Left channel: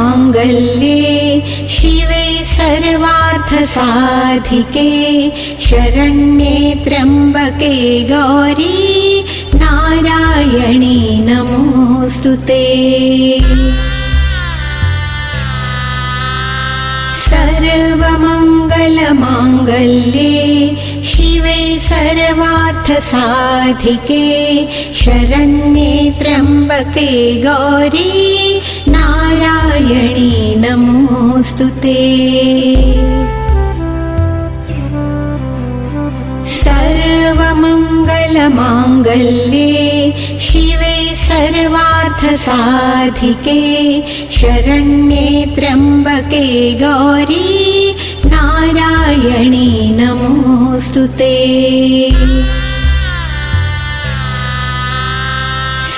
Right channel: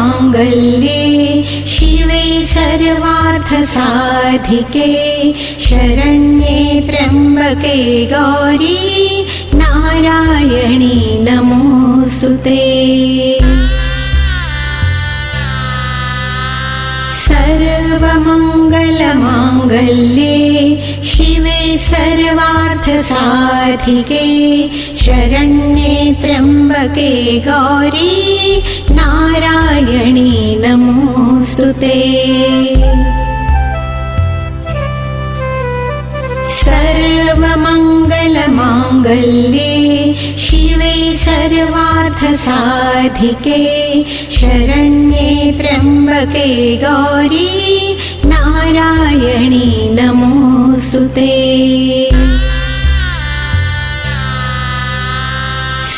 सर्वमङ्गलमाङ्गल्ये शिवे सर्वार्थसाधिके शरण्ये त्र्यम्बके गौरी नारायणी नमोऽस्तुते। सर्वमङ्गलमाङ्गल्ये शिवे सर्वार्थसाधिके शरण्ये त्र्यम्बके गौरी नारायणी नमोऽस्तुते। सर्वमङ्गलमाङ्गल्ये शिवे सर्वार्थसाधिके शरण्ये त्र्यम्बके गौरी नारायणी नमोऽस्तुते।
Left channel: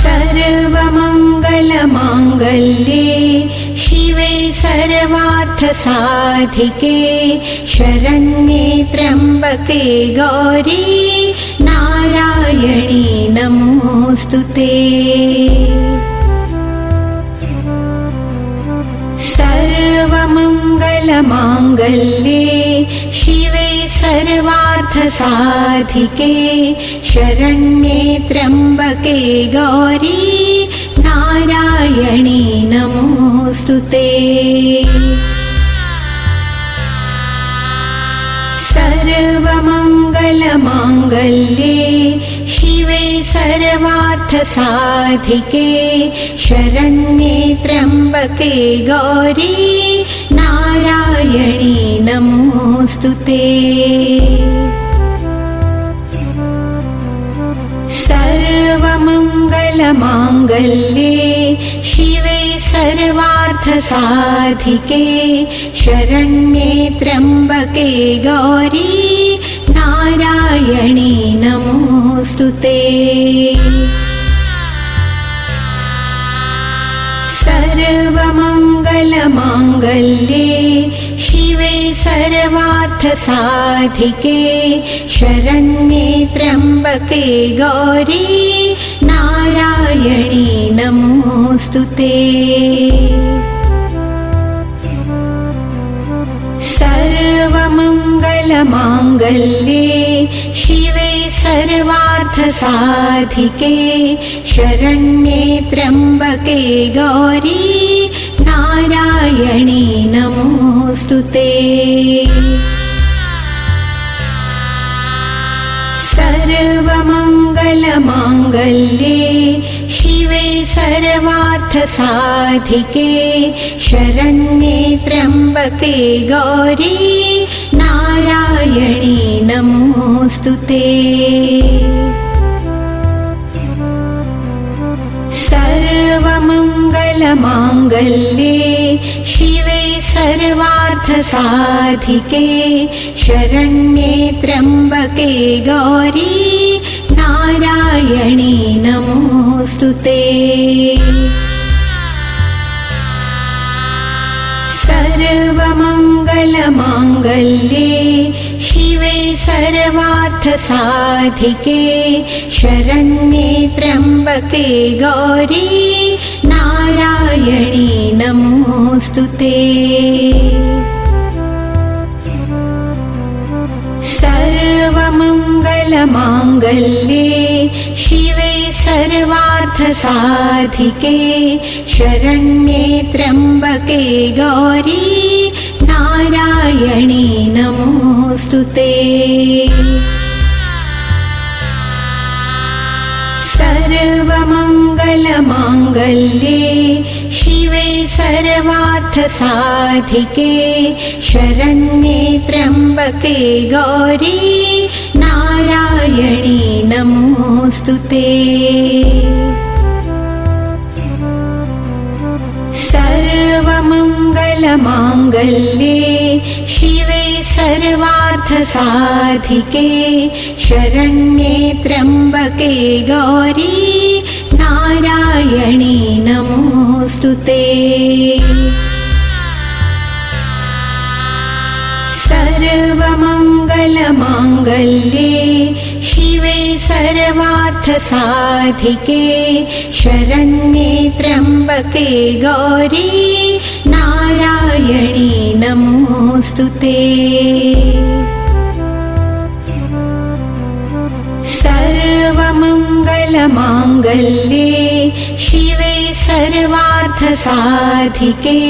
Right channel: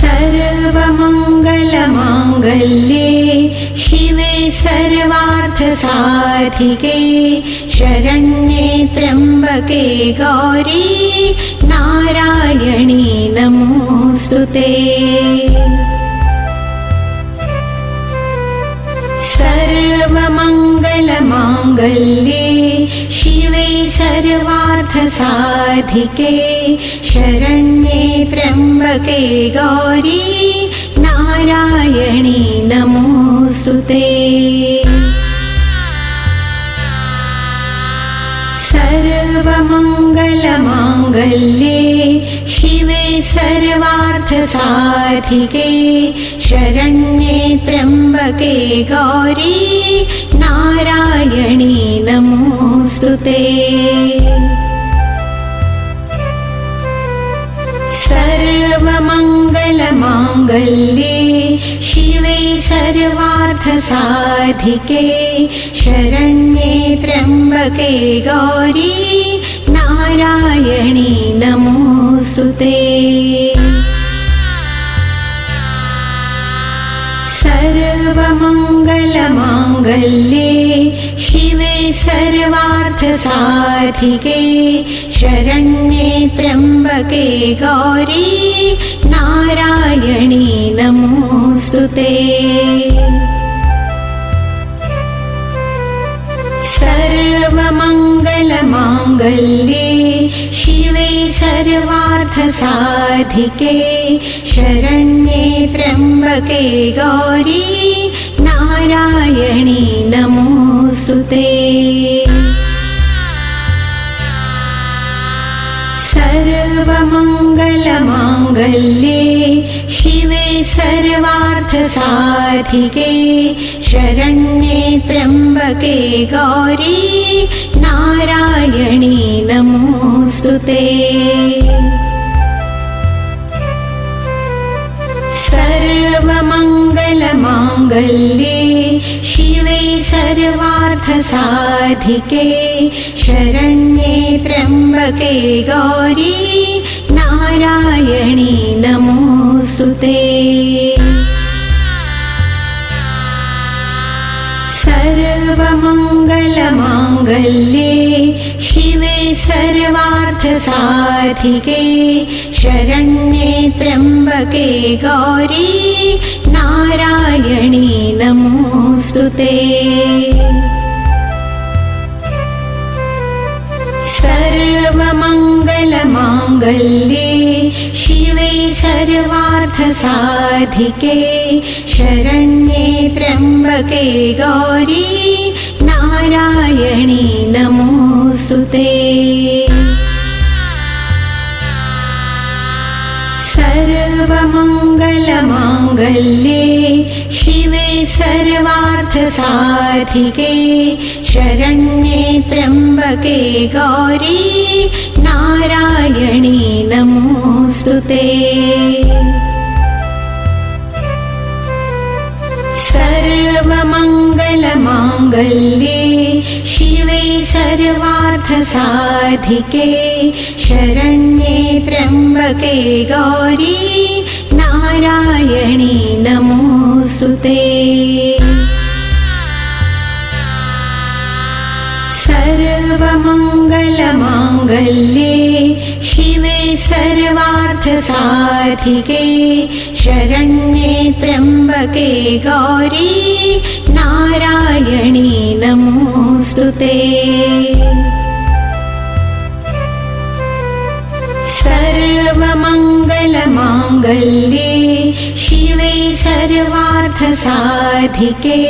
सर्वमङ्गलमाङ्गल्ये शिवे सर्वार्थसाधिके शरण्ये त्र्यम्बके गौरी नारायणी नमोऽस्तुते। सर्वमङ्गलमाङ्गल्ये शिवे सर्वार्थसाधिके शरण्ये त्र्यम्बके गौरी नारायणी नमोऽस्तुते। सर्वमङ्गलमाङ्गल्ये शिवे सर्वार्थसाधिके शरण्ये त्र्यम्बके गौरी नारायणी नमोऽस्तुते। सर्वमङ्गलमाङ्गल्ये शिवे सर्वार्थसाधिके शरण्ये त्र्यम्बके गौरी नारायणी नमोऽस्तुते। सर्वमङ्गलमाङ्गल्ये शिवे सर्वार्थसाधिके शरण्ये त्र्यम्बके गौरी नारायणी नमोऽस्तुते। सर्वमङ्गलमाङ्गल्ये शिवे सर्वार्थसाधिके शरण्ये त्र्यम्बके गौरी नारायणी नमोऽस्तुते। सर्वमङ्गलमाङ्गल्ये शिवे सर्वार्थसाधिके शरण्ये त्र्यम्बके गौरी नारायणी नमोऽस्तुते। सर्वमङ्गलमाङ्गल्ये शिवे सर्वार्थसाधिके शरण्ये त्र्यम्बके गौरी नारायणी नमोऽस्तुते। सर्वमङ्गलमाङ्गल्ये शिवे सर्वार्थसाधिके शरण्ये त्र्यम्बके गौरी नारायणी नमोऽस्तुते। सर्वमङ्गलमाङ्गल्ये शिवे सर्वार्थसाधिके शरण्ये त्र्यम्बके गौरी नारायणी नमोऽस्तुते। सर्वमङ्गलमाङ्गल्ये शिवे सर्वार्थसाधिके शरण्ये त्र्यम्बके गौरी नारायणी नमोऽस्तुते। सर्वमङ्गलमाङ्गल्ये शिवे सर्वार्थसाधिके शरण्ये त्र्यम्बके गौरी नारायणी नमोऽस्तुते। सर्वमङ्गलमाङ्गल्ये शिवे सर्वार्थसाधिके शरण्ये त्र्यम्बके गौरी नारायणी नमोऽस्तुते। सर्वमङ्गलमाङ्गल्ये शिवे सर्वार्थसाधिके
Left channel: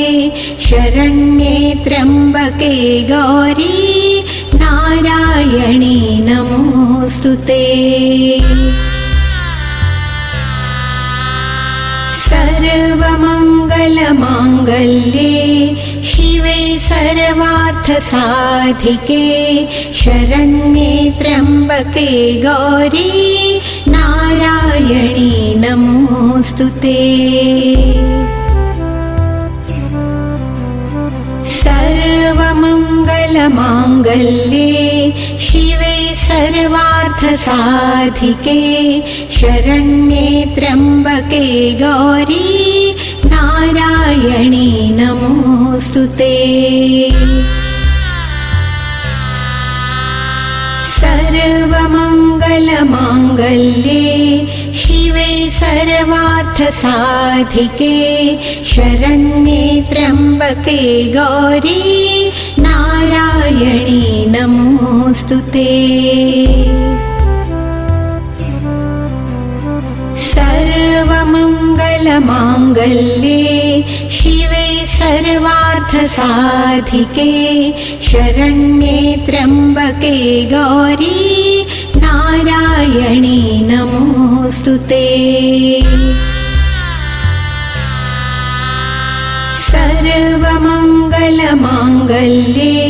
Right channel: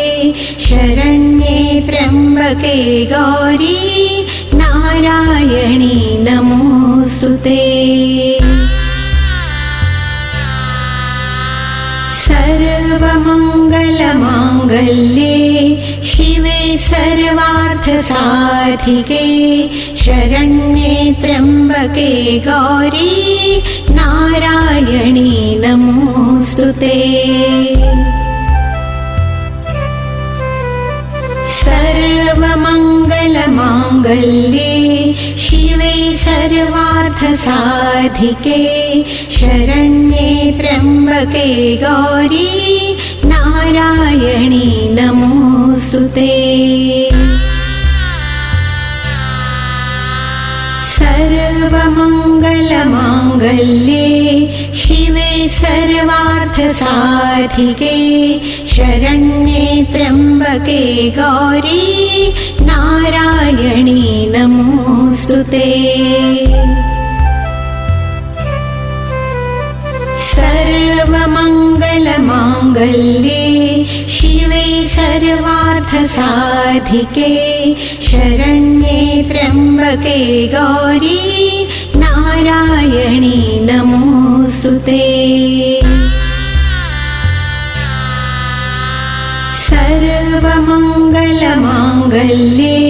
शरण्ये त्र्यम्बके गौरी नारायणी नमोऽस्तुते। सर्वमङ्गलमाङ्गल्ये शिवे सर्वार्थसाधिके शरण्ये त्र्यम्बके गौरी नारायणी नमोऽस्तुते। सर्वमङ्गलमाङ्गल्ये शिवे सर्वार्थसाधिके शरण्ये त्र्यम्बके गौरी नारायणी नमोऽस्तुते। सर्वमङ्गलमाङ्गल्ये शिवे सर्वार्थसाधिके शरण्ये त्र्यम्बके गौरी नारायणी नमोऽस्तुते। सर्वमङ्गलमाङ्गल्ये शिवे सर्वार्थसाधिके शरण्ये त्र्यम्बके गौरी नारायणी नमोऽस्तुते। सर्वमङ्गलमाङ्गल्ये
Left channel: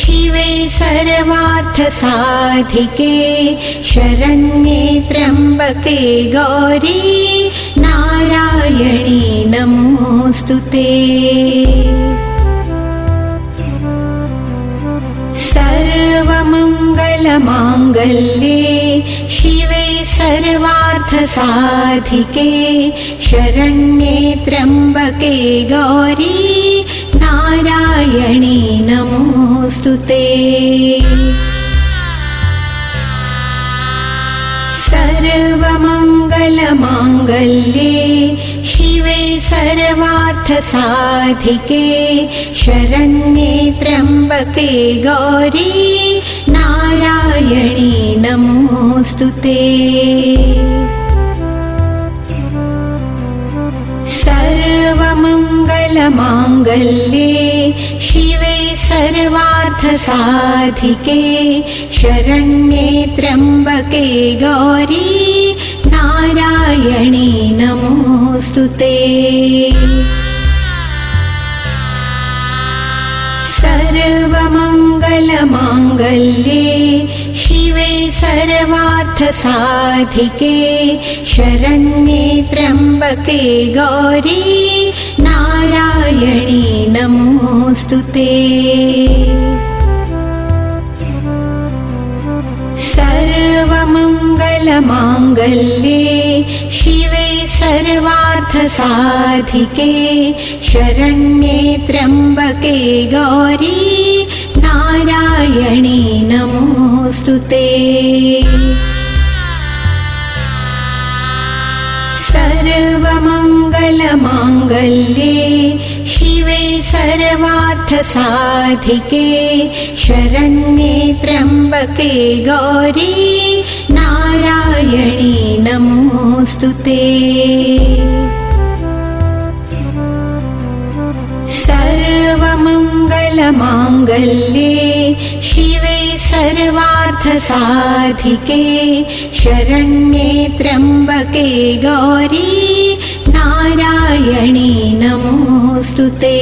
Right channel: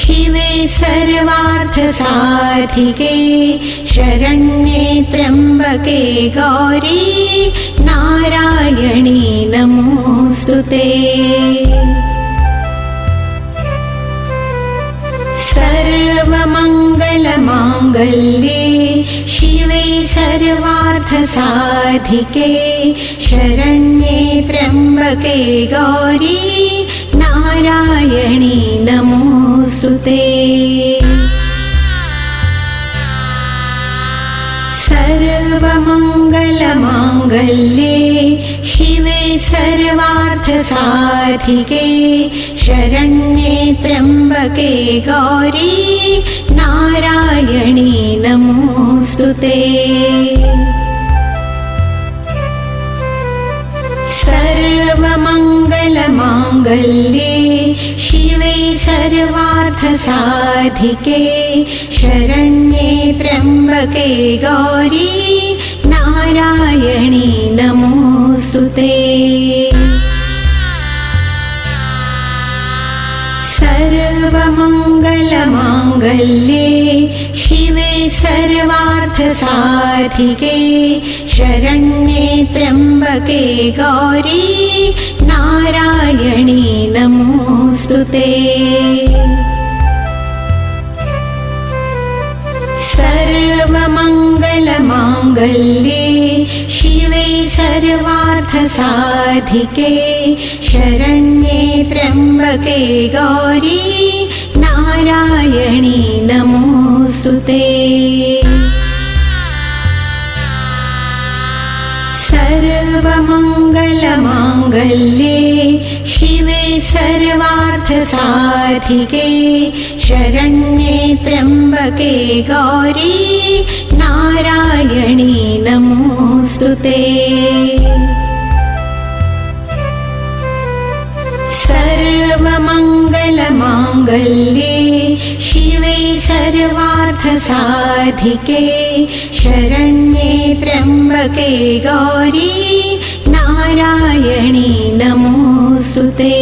शिवे सर्वार्थसाधिके शरण्ये त्र्यम्बके गौरी नारायणी नमोऽस्तुते। सर्वमङ्गलमाङ्गल्ये शिवे सर्वार्थसाधिके शरण्ये त्र्यम्बके गौरी नारायणी नमोऽस्तुते। सर्वमङ्गलमाङ्गल्ये शिवे सर्वार्थसाधिके शरण्ये त्र्यम्बके गौरी नारायणी नमोऽस्तुते। सर्वमङ्गलमाङ्गल्ये शिवे सर्वार्थसाधिके शरण्ये त्र्यम्बके गौरी नारायणी नमोऽस्तुते। सर्वमङ्गलमाङ्गल्ये शिवे सर्वार्थसाधिके शरण्ये त्र्यम्बके गौरी नारायणी नमोऽस्तुते। सर्वमङ्गलमाङ्गल्ये शिवे सर्वार्थसाधिके शरण्ये त्र्यम्बके गौरी नारायणी नमोऽस्तुते। सर्वमङ्गलमाङ्गल्ये शिवे सर्वार्थसाधिके शरण्ये त्र्यम्बके गौरी नारायणी नमोऽस्तुते। सर्वमङ्गलमाङ्गल्ये शिवे सर्वार्थसाधिके शरण्ये त्र्यम्बके गौरी नारायणी नमोऽस्तुते।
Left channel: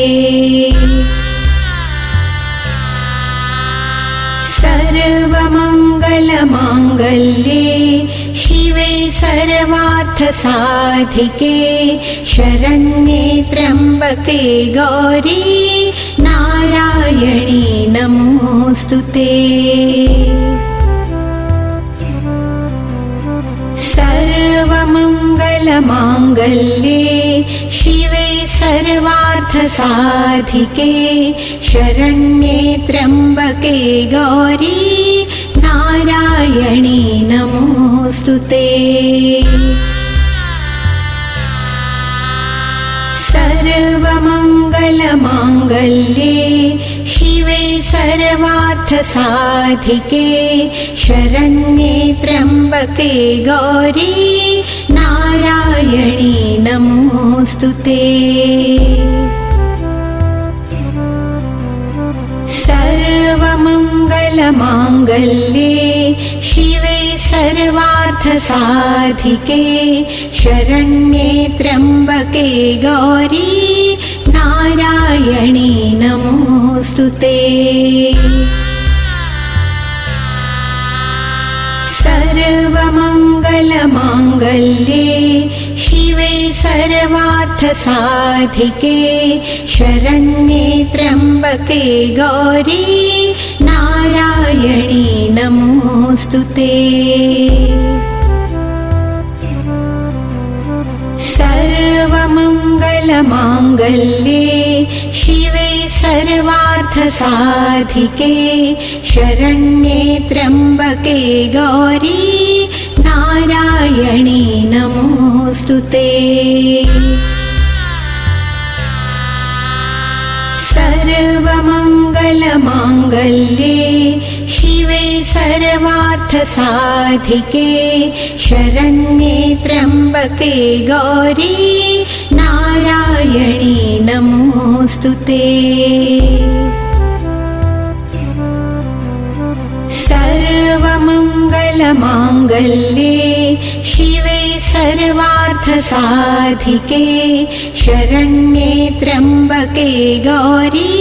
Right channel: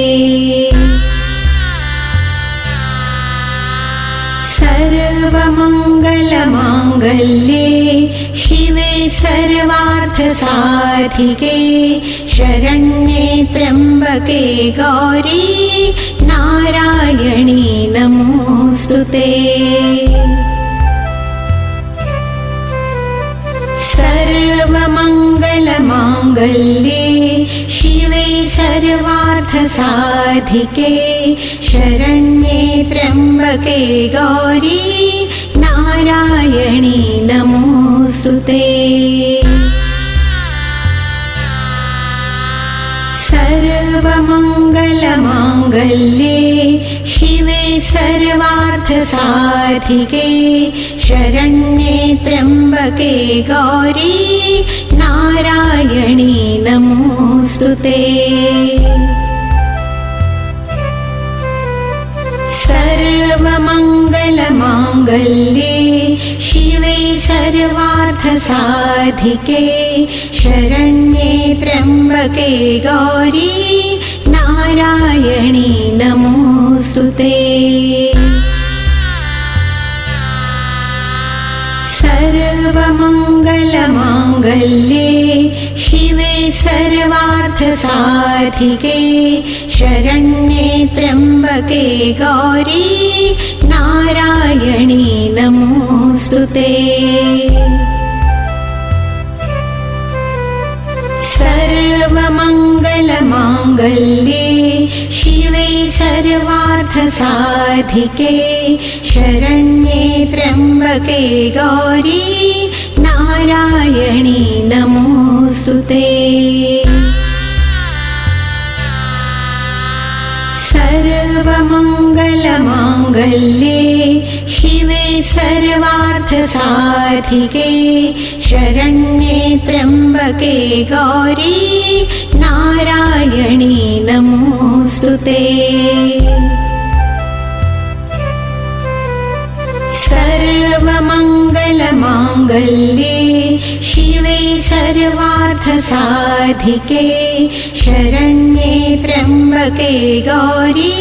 सर्वमङ्गलमाङ्गल्ये शिवे सर्वार्थसाधिके शरण्ये त्र्यम्बके गौरी नारायणी नमोऽस्तुते। सर्वमङ्गलमाङ्गल्ये शिवे सर्वार्थसाधिके शरण्ये त्र्यम्बके गौरी नारायणी नमोऽस्तुते। सर्वमङ्गलमाङ्गल्ये शिवे सर्वार्थसाधिके शरण्ये त्र्यम्बके गौरी नारायणी नमोऽस्तुते। सर्वमङ्गलमाङ्गल्ये शिवे सर्वार्थसाधिके शरण्ये त्र्यम्बके गौरी नारायणी नमोऽस्तुते। सर्वमङ्गलमाङ्गल्ये शिवे सर्वार्थसाधिके शरण्ये त्र्यम्बके गौरी नारायणी नमोऽस्तुते। सर्वमङ्गलमाङ्गल्ये शिवे सर्वार्थसाधिके शरण्ये त्र्यम्बके गौरी नारायणी नमोऽस्तुते। सर्वमङ्गलमाङ्गल्ये शिवे सर्वार्थसाधिके शरण्ये त्र्यम्बके गौरी नारायणी नमोऽस्तुते। सर्वमङ्गलमाङ्गल्ये शिवे सर्वार्थसाधिके शरण्ये त्र्यम्बके गौरी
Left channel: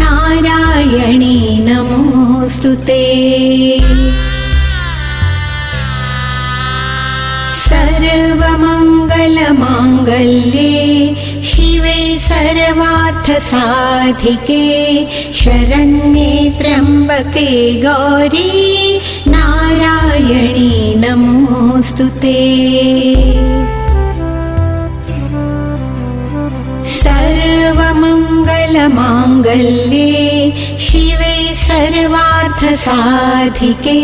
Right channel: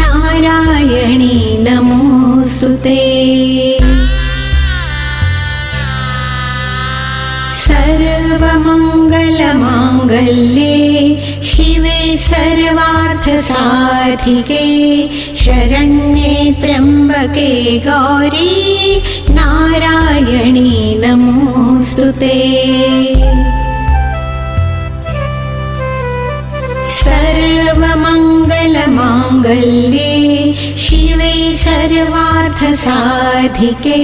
नारायणी नमोऽस्तुते। सर्वमङ्गलमाङ्गल्ये शिवे सर्वार्थसाधिके शरण्ये त्र्यम्बके गौरी नारायणी नमोऽस्तुते। सर्वमङ्गलमाङ्गल्ये शिवे सर्वार्थसाधिके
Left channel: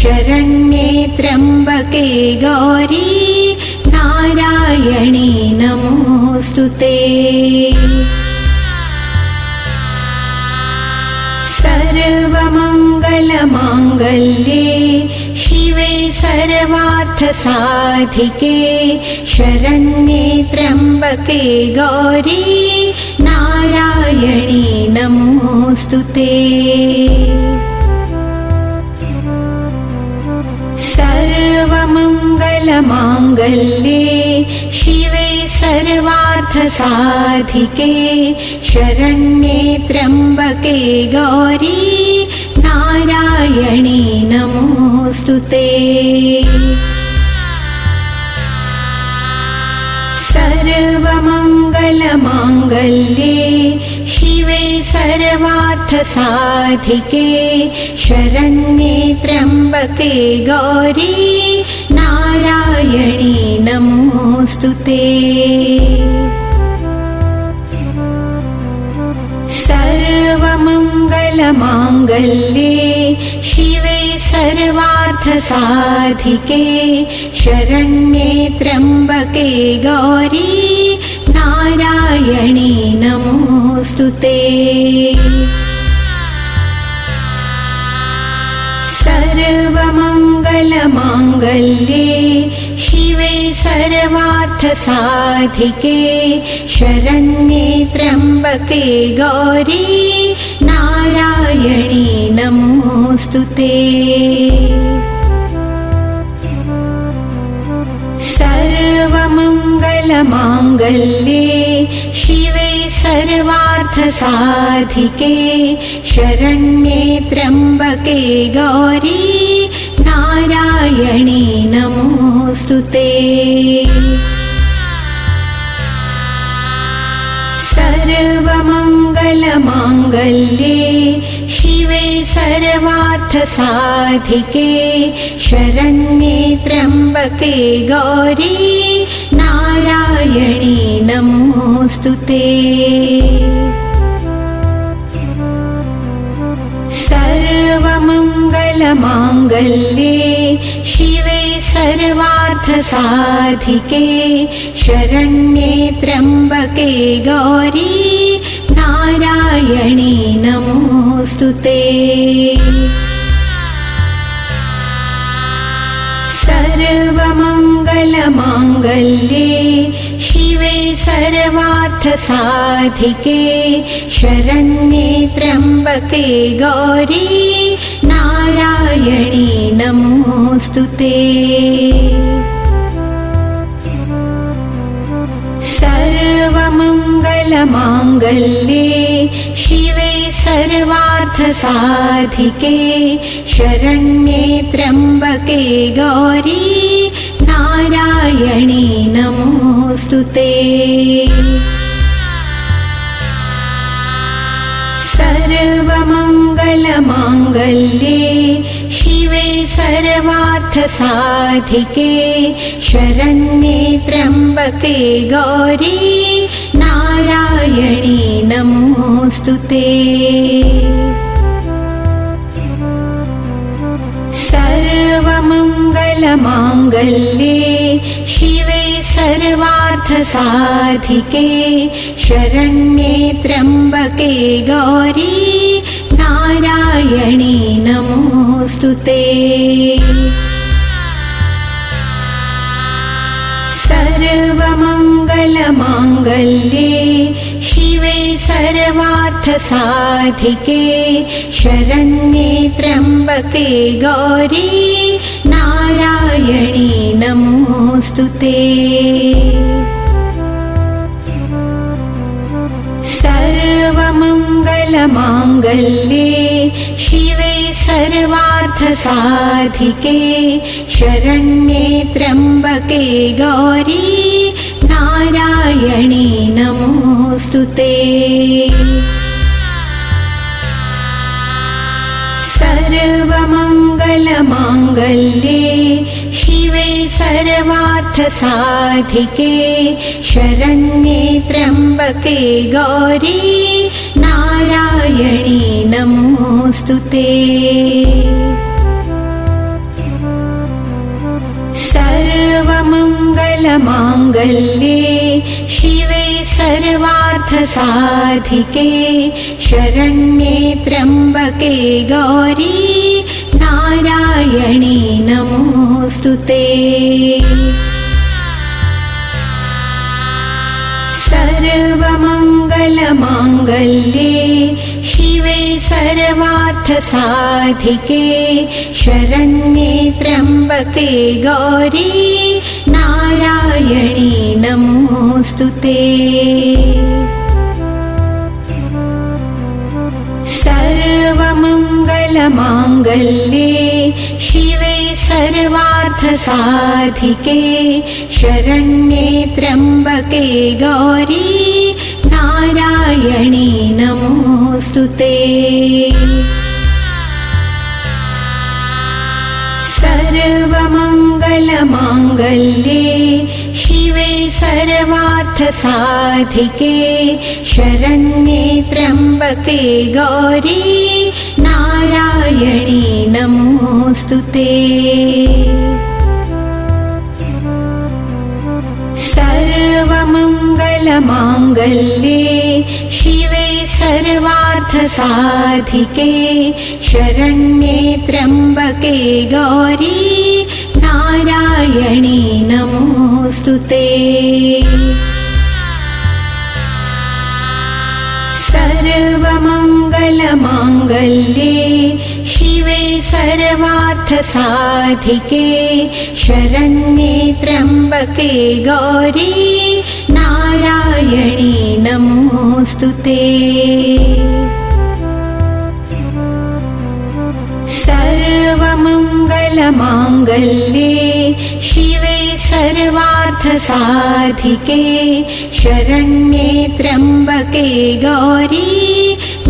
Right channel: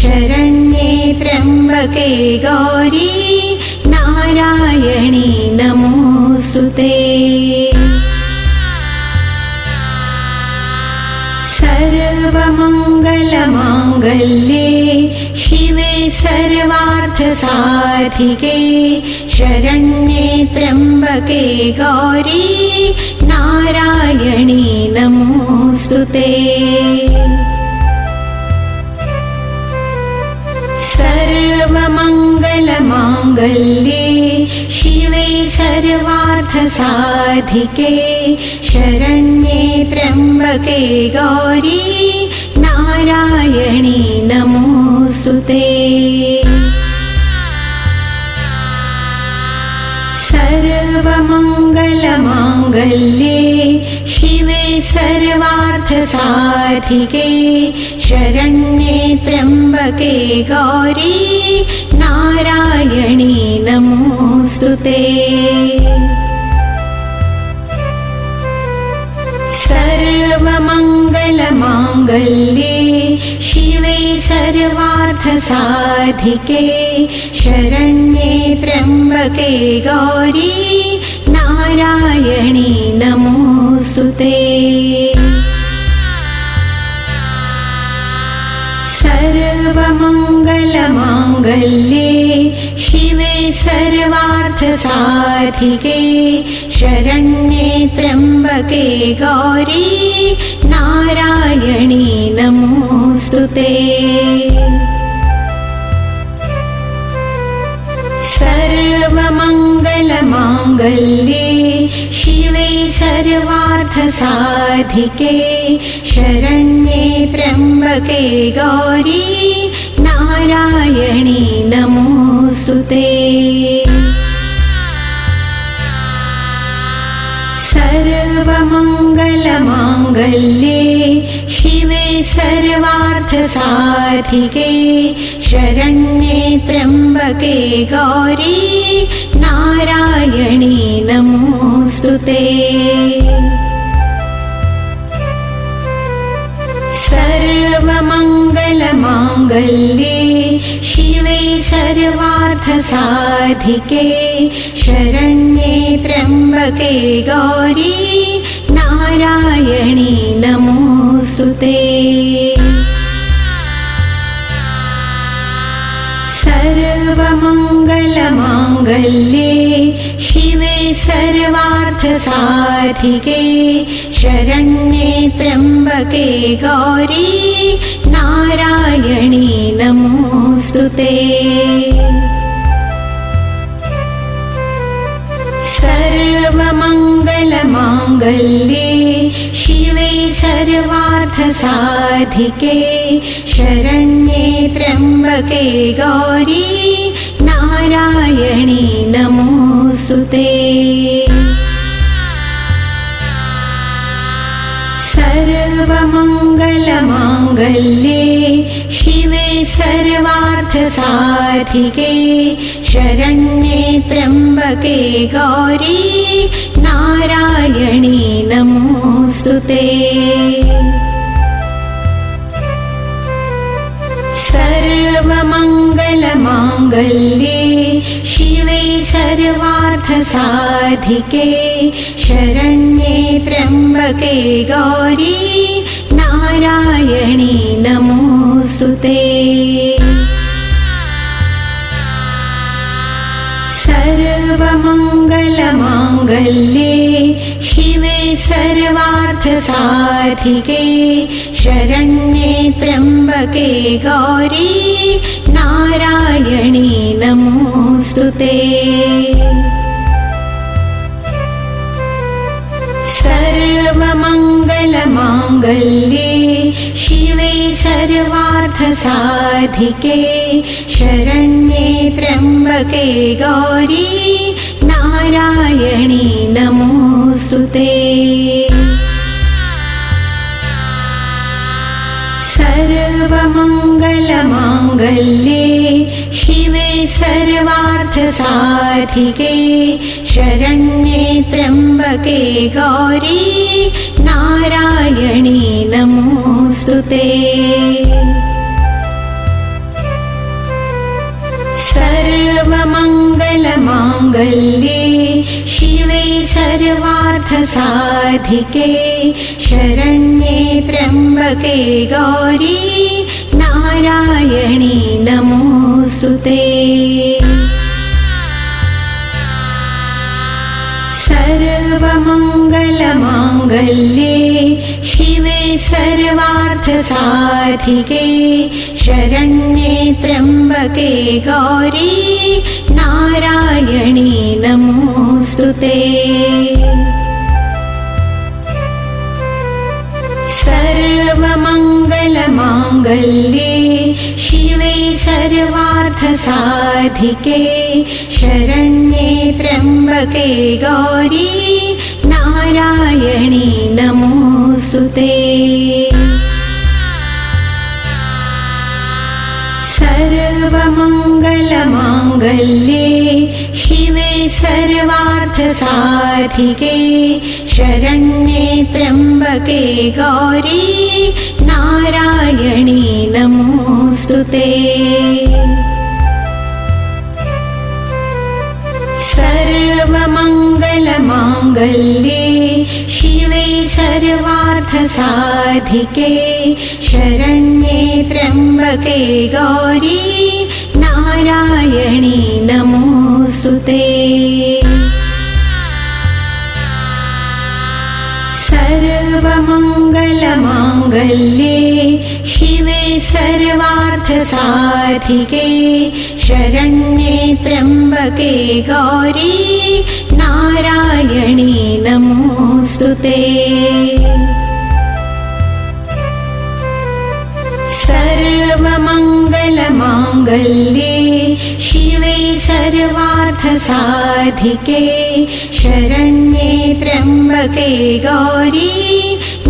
शरण्ये त्र्यम्बके गौरी नारायणी नमोऽस्तुते। सर्वमङ्गलमाङ्गल्ये शिवे सर्वार्थसाधिके शरण्ये त्र्यम्बके गौरी नारायणी नमोऽस्तुते। सर्वमङ्गलमाङ्गल्ये शिवे सर्वार्थसाधिके शरण्ये त्र्यम्बके गौरी नारायणी नमोऽस्तुते। सर्वमङ्गलमाङ्गल्ये शिवे सर्वार्थसाधिके शरण्ये त्र्यम्बके गौरी नारायणी नमोऽस्तुते। सर्वमङ्गलमाङ्गल्ये शिवे सर्वार्थसाधिके शरण्ये त्र्यम्बके गौरी नारायणी नमोऽस्तुते। सर्वमङ्गलमाङ्गल्ये शिवे सर्वार्थसाधिके शरण्ये त्र्यम्बके गौरी नारायणी नमोऽस्तुते। सर्वमङ्गलमाङ्गल्ये शिवे सर्वार्थसाधिके शरण्ये त्र्यम्बके गौरी नारायणी नमोऽस्तुते। सर्वमङ्गलमाङ्गल्ये शिवे सर्वार्थसाधिके शरण्ये त्र्यम्बके गौरी नारायणी नमोऽस्तुते। सर्वमङ्गलमाङ्गल्ये शिवे सर्वार्थसाधिके शरण्ये त्र्यम्बके गौरी नारायणी नमोऽस्तुते। सर्वमङ्गलमाङ्गल्ये शिवे सर्वार्थसाधिके शरण्ये त्र्यम्बके गौरी नारायणी नमोऽस्तुते। सर्वमङ्गलमाङ्गल्ये शिवे सर्वार्थसाधिके शरण्ये त्र्यम्बके गौरी नारायणी नमोऽस्तुते। सर्वमङ्गलमाङ्गल्ये शिवे सर्वार्थसाधिके शरण्ये त्र्यम्बके गौरी नारायणी नमोऽस्तुते। सर्वमङ्गलमाङ्गल्ये शिवे सर्वार्थसाधिके शरण्ये त्र्यम्बके गौरी नारायणी नमोऽस्तुते। सर्वमङ्गलमाङ्गल्ये शिवे सर्वार्थसाधिके शरण्ये त्र्यम्बके गौरी नारायणी नमोऽस्तुते। सर्वमङ्गलमाङ्गल्ये शिवे सर्वार्थसाधिके शरण्ये त्र्यम्बके गौरी नारायणी नमोऽस्तुते। सर्वमङ्गलमाङ्गल्ये शिवे सर्वार्थसाधिके शरण्ये त्र्यम्बके गौरी नारायणी नमोऽस्तुते। सर्वमङ्गलमाङ्गल्ये शिवे सर्वार्थसाधिके शरण्ये त्र्यम्बके गौरी नारायणी नमोऽस्तुते। सर्वमङ्गलमाङ्गल्ये शिवे सर्वार्थसाधिके शरण्ये त्र्यम्बके गौरी नारायणी नमोऽस्तुते। सर्वमङ्गलमाङ्गल्ये शिवे सर्वार्थसाधिके शरण्ये त्र्यम्बके गौरी नारायणी नमोऽस्तुते। सर्वमङ्गलमाङ्गल्ये शिवे सर्वार्थसाधिके शरण्ये त्र्यम्बके गौरी नारायणी नमोऽस्तुते। सर्वमङ्गलमाङ्गल्ये शिवे सर्वार्थसाधिके शरण्ये त्र्यम्बके गौरी नारायणी नमोऽस्तुते। सर्वमङ्गलमाङ्गल्ये शिवे सर्वार्थसाधिके शरण्ये त्र्यम्बके गौरी नारायणी नमोऽस्तुते। सर्वमङ्गलमाङ्गल्ये शिवे सर्वार्थसाधिके शरण्ये त्र्यम्बके गौरी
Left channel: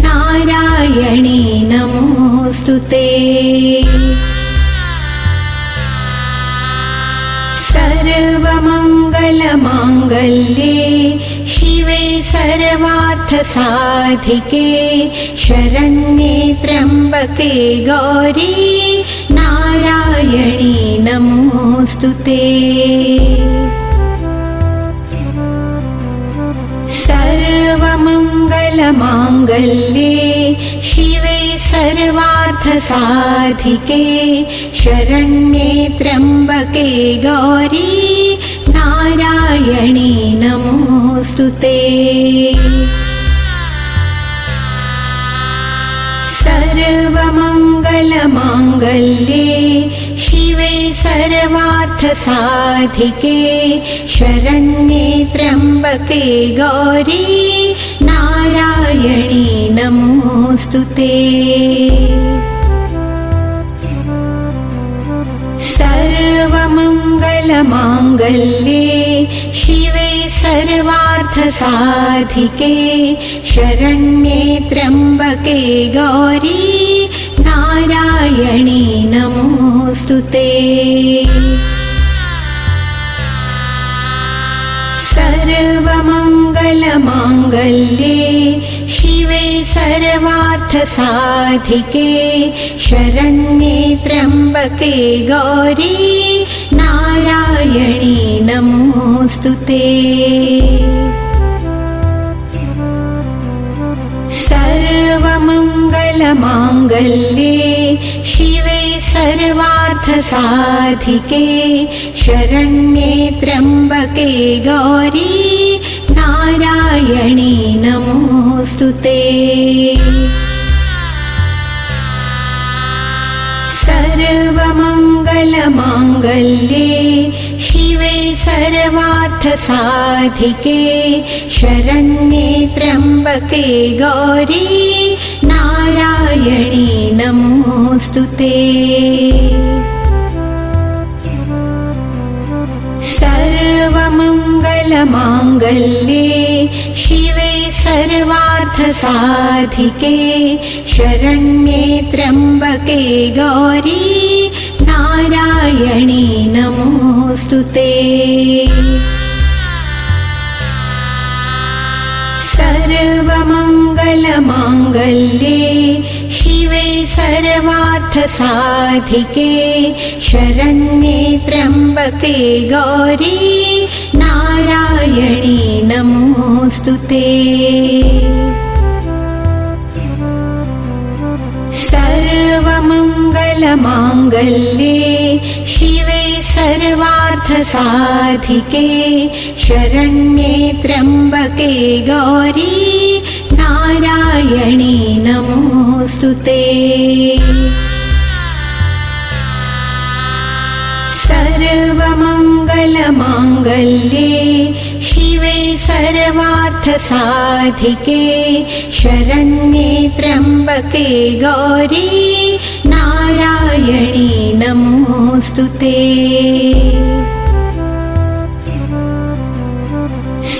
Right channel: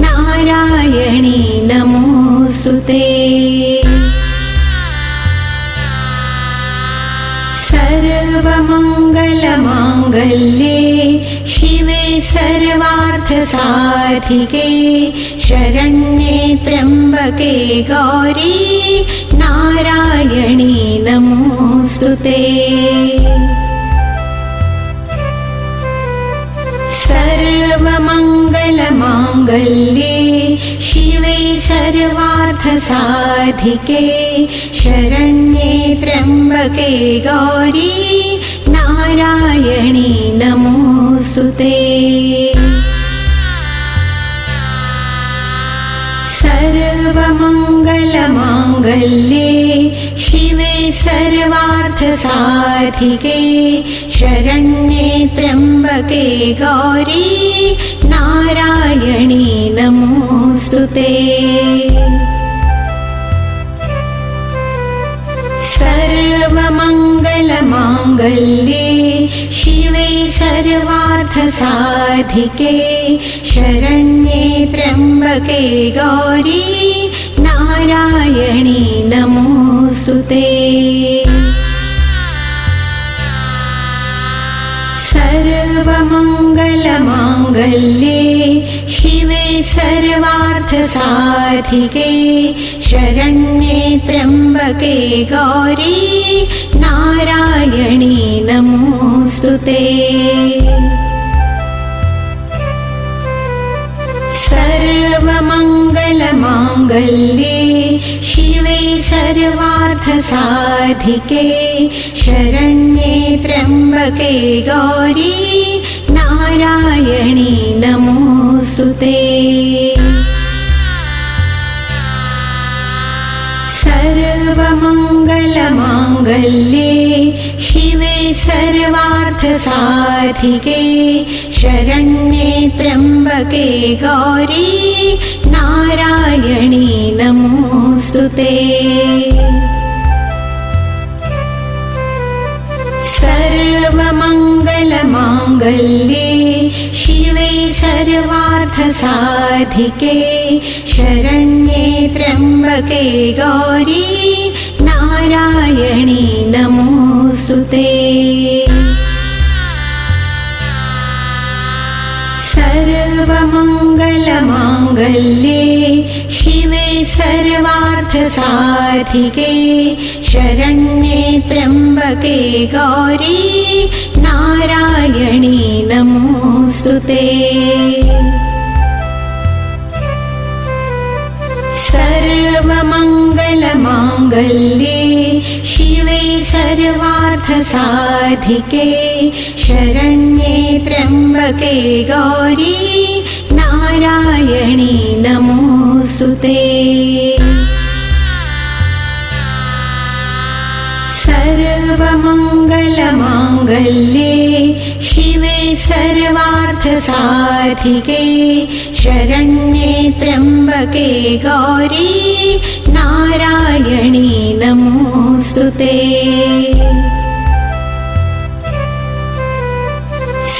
नारायणी नमोऽस्तुते। सर्वमङ्गलमाङ्गल्ये शिवे सर्वार्थसाधिके शरण्ये त्र्यम्बके गौरी नारायणी नमोऽस्तुते। सर्वमङ्गलमाङ्गल्ये सर्वमङ्गलमाङ्गल्ये शिवे सर्वार्थसाधिके शरण्ये त्र्यम्बके गौरी नारायणी नमोऽस्तुते। सर्वमङ्गलमाङ्गल्ये शिवे सर्वार्थसाधिके शरण्ये त्र्यम्बके गौरी नारायणी नमोऽस्तुते। सर्वमङ्गलमाङ्गल्ये शिवे सर्वार्थसाधिके शरण्ये त्र्यम्बके गौरी नारायणी नमोऽस्तुते। सर्वमङ्गलमाङ्गल्ये शिवे सर्वार्थसाधिके शरण्ये त्र्यम्बके गौरी नारायणी नमोऽस्तुते। सर्वमङ्गलमाङ्गल्ये शिवे सर्वार्थसाधिके शरण्ये त्र्यम्बके गौरी नारायणी नमोऽस्तुते। सर्वमङ्गलमाङ्गल्ये शिवे सर्वार्थसाधिके शरण्ये त्र्यम्बके गौरी नारायणी नमोऽस्तुते। सर्वमङ्गलमाङ्गल्ये शिवे सर्वार्थसाधिके शरण्ये त्र्यम्बके गौरी नारायणी नमोऽस्तुते। सर्वमङ्गलमाङ्गल्ये शिवे सर्वार्थसाधिके शरण्ये त्र्यम्बके गौरी नारायणी नमोऽस्तुते। सर्वमङ्गलमाङ्गल्ये शिवे सर्वार्थसाधिके शरण्ये त्र्यम्बके गौरी नारायणी नमोऽस्तुते। सर्वमङ्गलमाङ्गल्ये शिवे सर्वार्थसाधिके शरण्ये त्र्यम्बके गौरी नारायणी नमोऽस्तुते।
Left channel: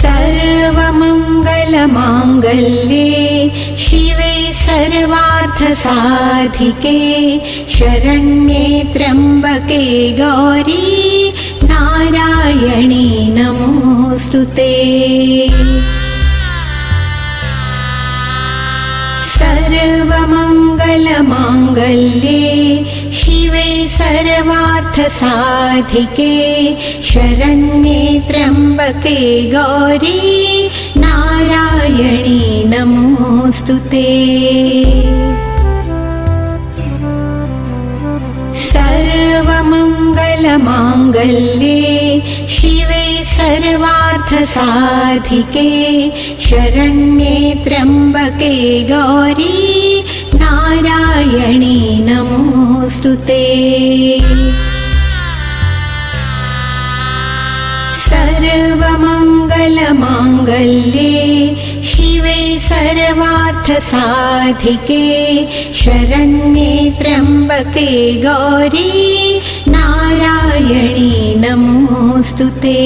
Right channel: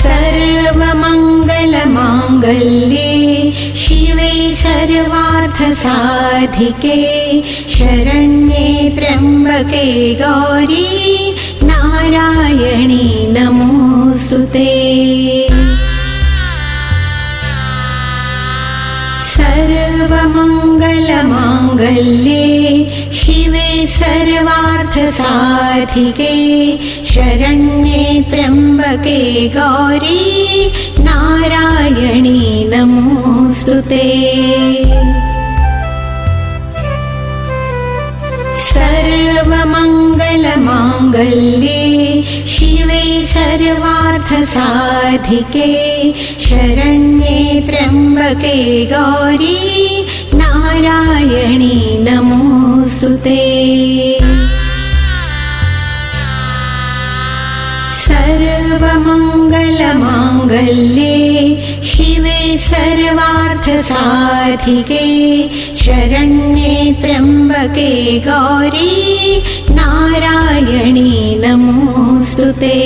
सर्वमङ्गलमाङ्गल्ये शिवे सर्वार्थसाधिके शरण्ये त्र्यम्बके गौरी नारायणी नमोऽस्तुते। सर्वमङ्गलमाङ्गल्ये शिवे सर्वार्थसाधिके शरण्ये त्र्यम्बके गौरी नारायणी नमोऽस्तुते। सर्वमङ्गलमाङ्गल्ये शिवे सर्वार्थसाधिके शरण्ये त्र्यम्बके गौरी नारायणी नमोऽस्तुते। सर्वमङ्गलमाङ्गल्ये शिवे सर्वार्थसाधिके शरण्ये त्र्यम्बके गौरी नारायणी नमोऽस्तुते।